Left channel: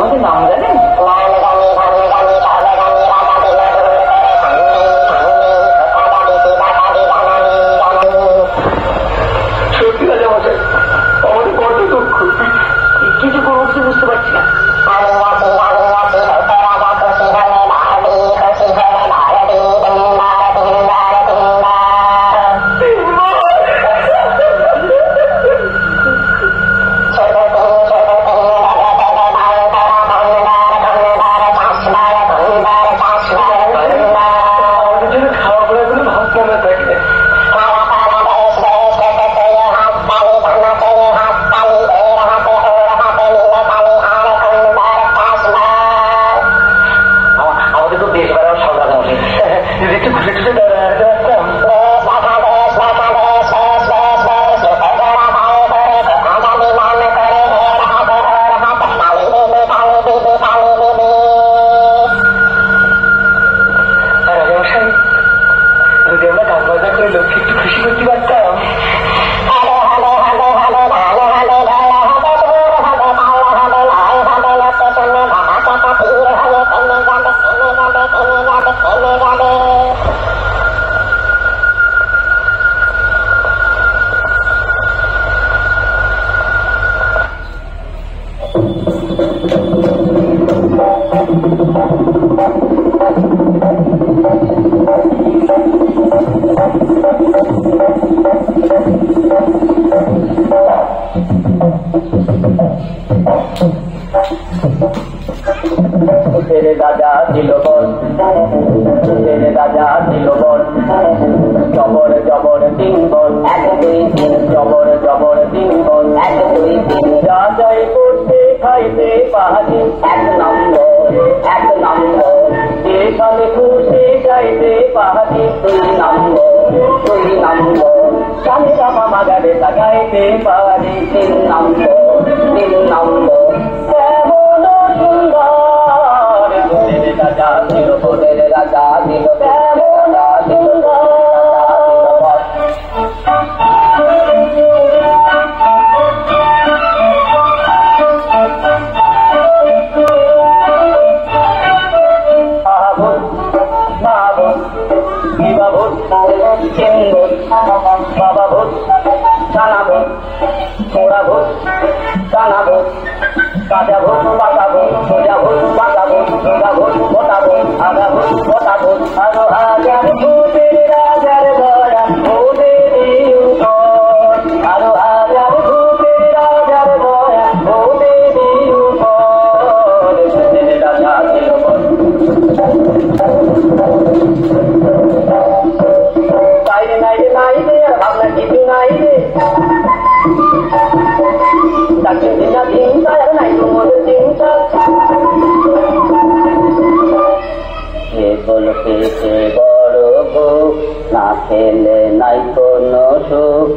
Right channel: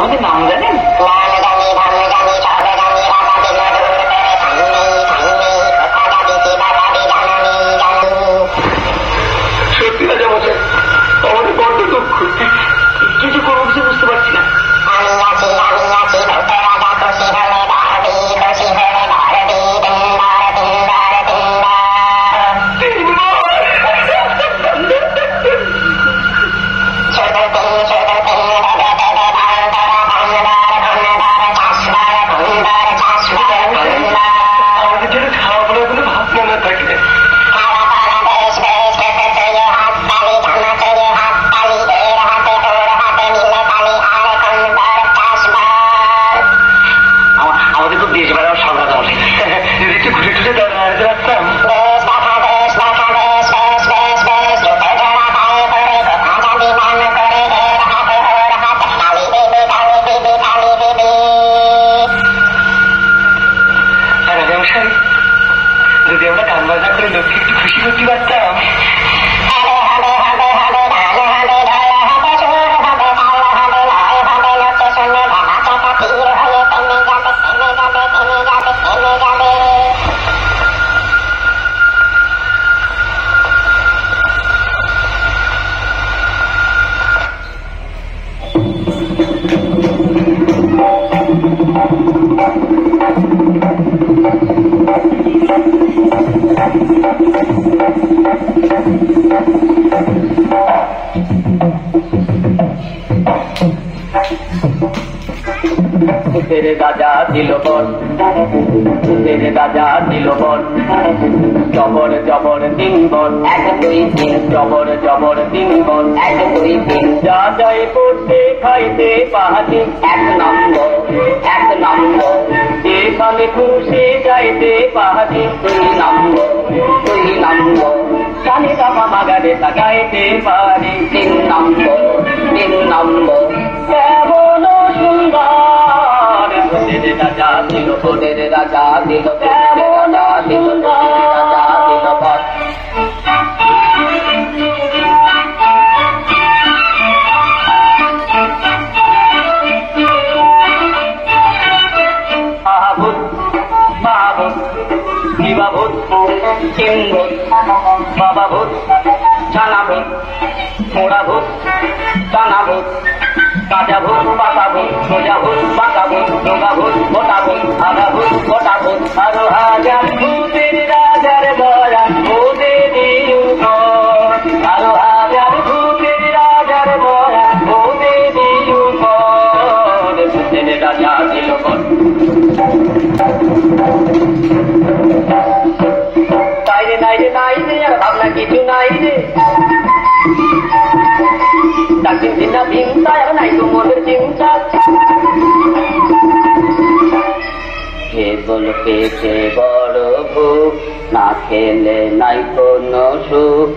আমাদের নাম জানেন? সত্যি রাজা মশাই, আমাদের বড্ড দুঃখ। কিছু করবো কিছু বুঝতে পারছি না। तेरे राजा दिल बन, तेरे राजा दिल बन, जबर जबर दिन बन, एक दुई तीन जबर जबर दिन बन, एक दुई तीन जा जाई करते खाइते पाहाड़ी एक नम्बर जेखाने खुशी जाइते पाहाड़ी दुई नम्बर जाने रामा मागारे लागाइते पारी तीन नम्बर केमन सुंदर तेरे राजा दिल तेरे राजा दिल तेरे राजा दिल राजा दिल बाबा भूत जाना भूत थोड़ा भूत जाना भूत काजा भूत पाका भूत सोजा भूत पाका भूत जोगा भूत मोटा भूत आधा भूत मोटा भूत आरो हाजार भूतेर राजार बया भूतेरी ऊपर आरो हाजार भूतेर राजार बया भूतेरी ऊपर भूतेर राजा दिल ऊपर কিছু নাই রে ডাক্তার চিন্তা চিন্তা আর নাই তোমাদের চিন্তা কে বল পেটে বড় ভূখ না খেলে নাই কোনো সুখ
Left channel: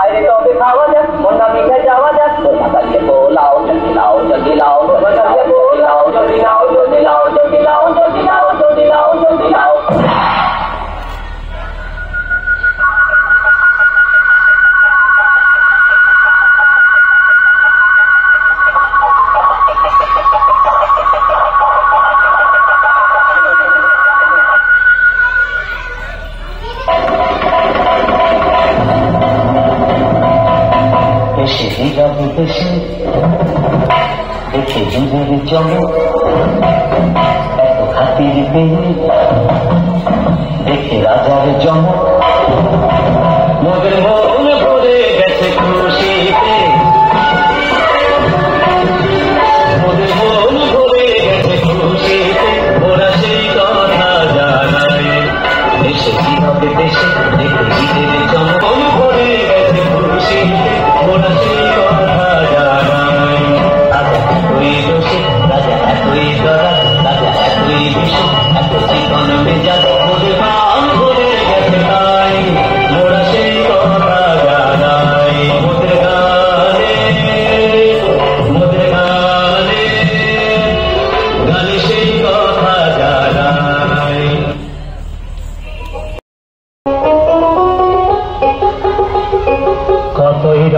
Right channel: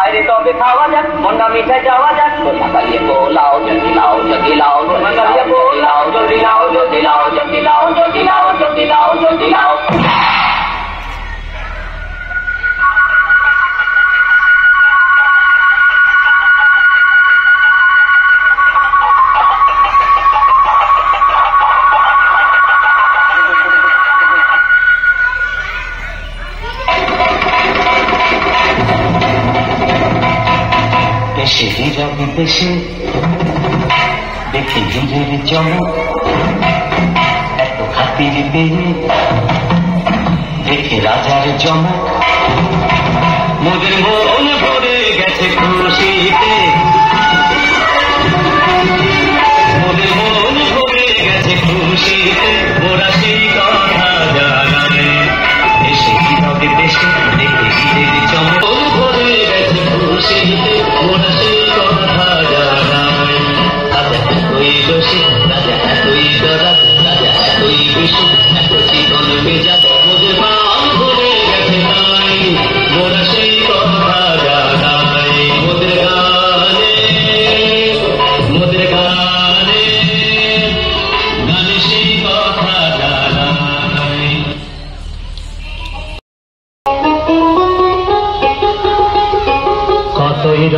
আরে তবে খাওয়া যাক মনটা মিঠাই যাওয়া যাক মনটা কালিয়ে পোলাও জগিলাও জগিলাও মনটা কালিয়ে পোলাও জগিলাও জগিলাও জগিলাও জগিলাও জগিলাও জগিলাও দেশে দেখে বীরের চমক এত খাতির পেয়ে দেখে রাজার চমক মোদের মন ভরে গেছে খুশিতে মোদের মন ভরে গেছে খুশিতে ওরা সেই কথা জানে দেশে কিভাবে দেশে দেখে বীরের চমক ভরে গেছে খুশিতে ওরা সেই জীবন বেজা মোদের মান করে গেছে তাই মোরা সেই কথা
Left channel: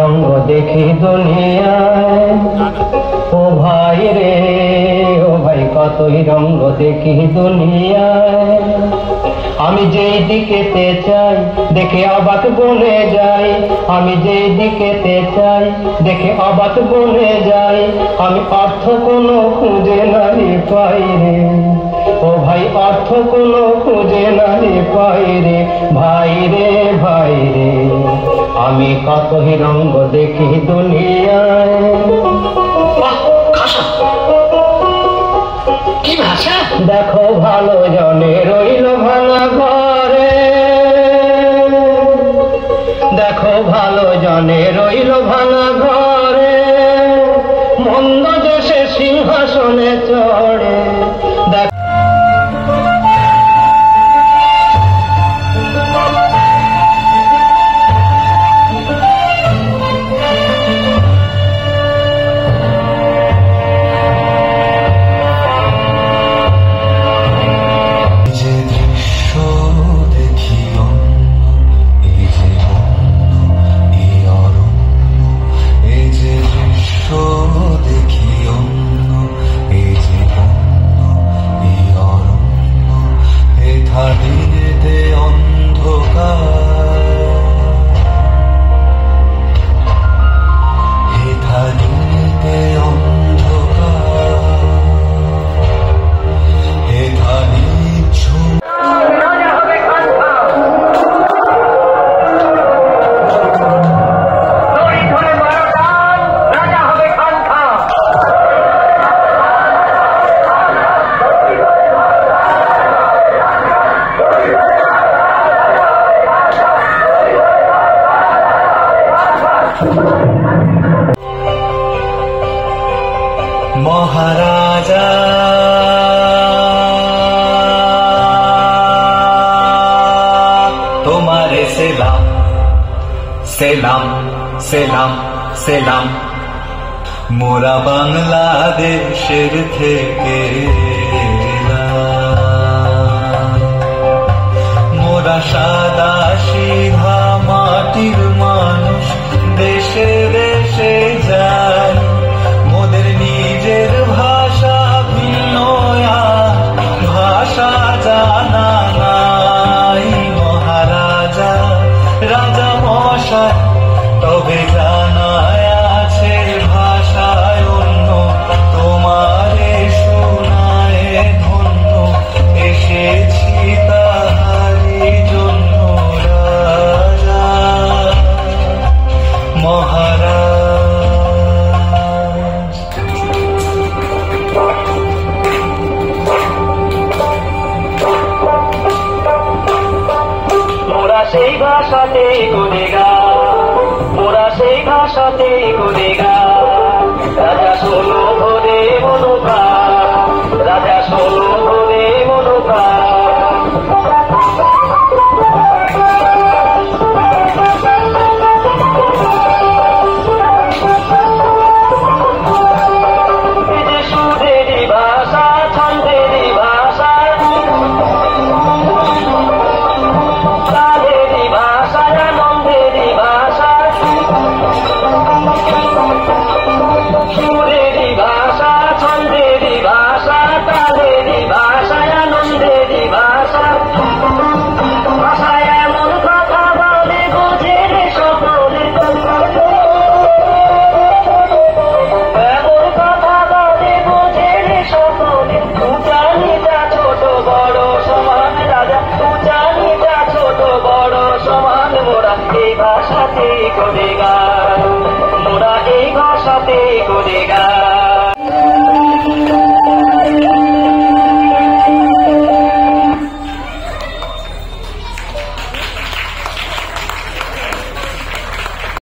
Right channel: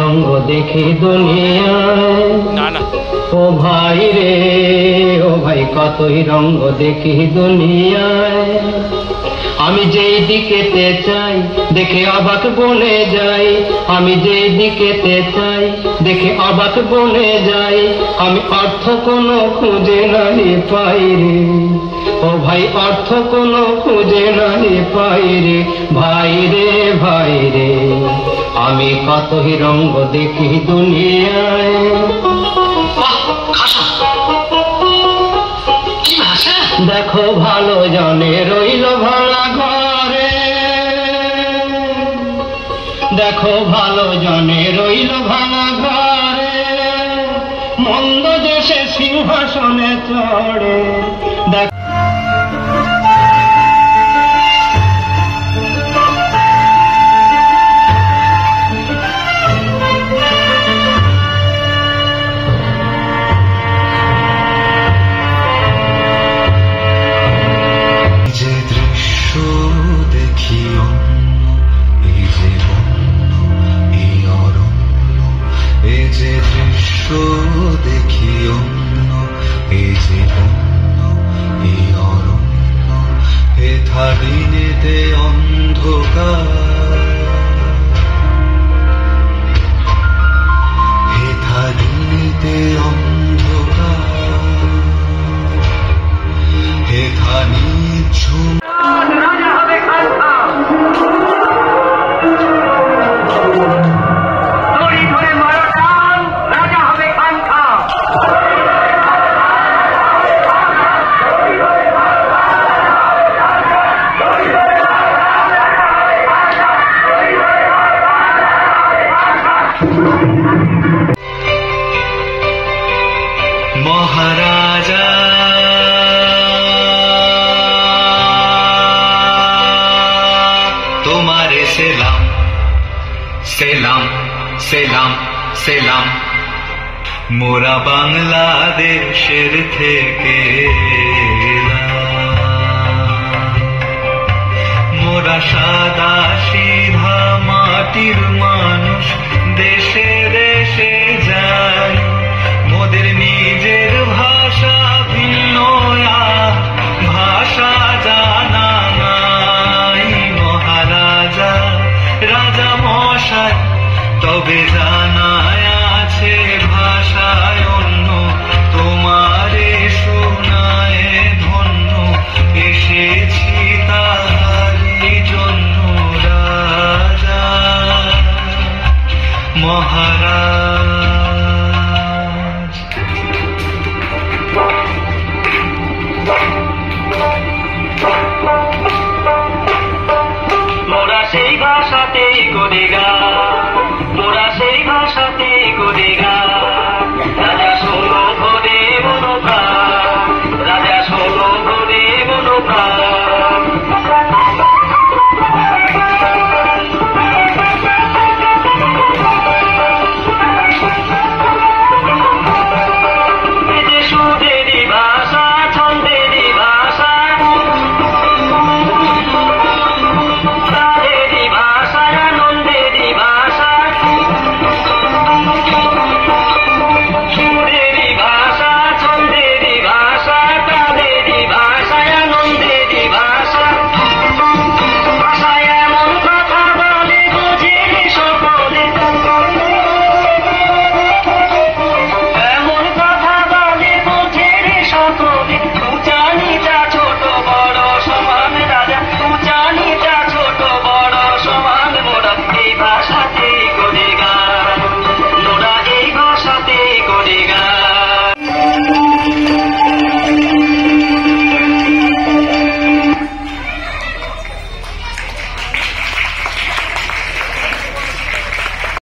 রঙ্গ দেখি দুনিয়ায়, ও ভাই রে ও ভাই কতই রঙ্গ দেখি দুনিয়ায়। আমি যেই দিকেতে চাই দেখে অবাক বনে যাই, আমি যেই দিকেতে চাই দেখে অবাক বনে যাই। আমি অর্থ কোনো খুঁজে নাহি পাই রে, ও ভাই অর্থ কোনো খুঁজে নাহি পাই রে, ভাই রে ভাই রে। আমি কতই রঙ্গ দেখি দুনিয়ায়। দেখো ভালো জনে রইল ভাড়া ঘরে, দেখো ভালো জনে রইল ভাড়া ঘরে, মন্দ দেশে সিংহাসনে চড়ে। মহারাজা তোমারে সেলাম সেলাম সেলাম সেলাম, মোরা বাংলাদেশের থেকে মোরা সাদা সিধা মাটির মানুষ, দেশে দেশে যায় মোদের নিজের ভাষা ভিন্ন, ভাষা জানা নাই। মহারাজা রাজা মশাই তবে জানায় আছে ভাষায় অন্য, তোমারে শোনায় ধন্য, এসেছি তাহারি জন্য রাজা মহারাজ।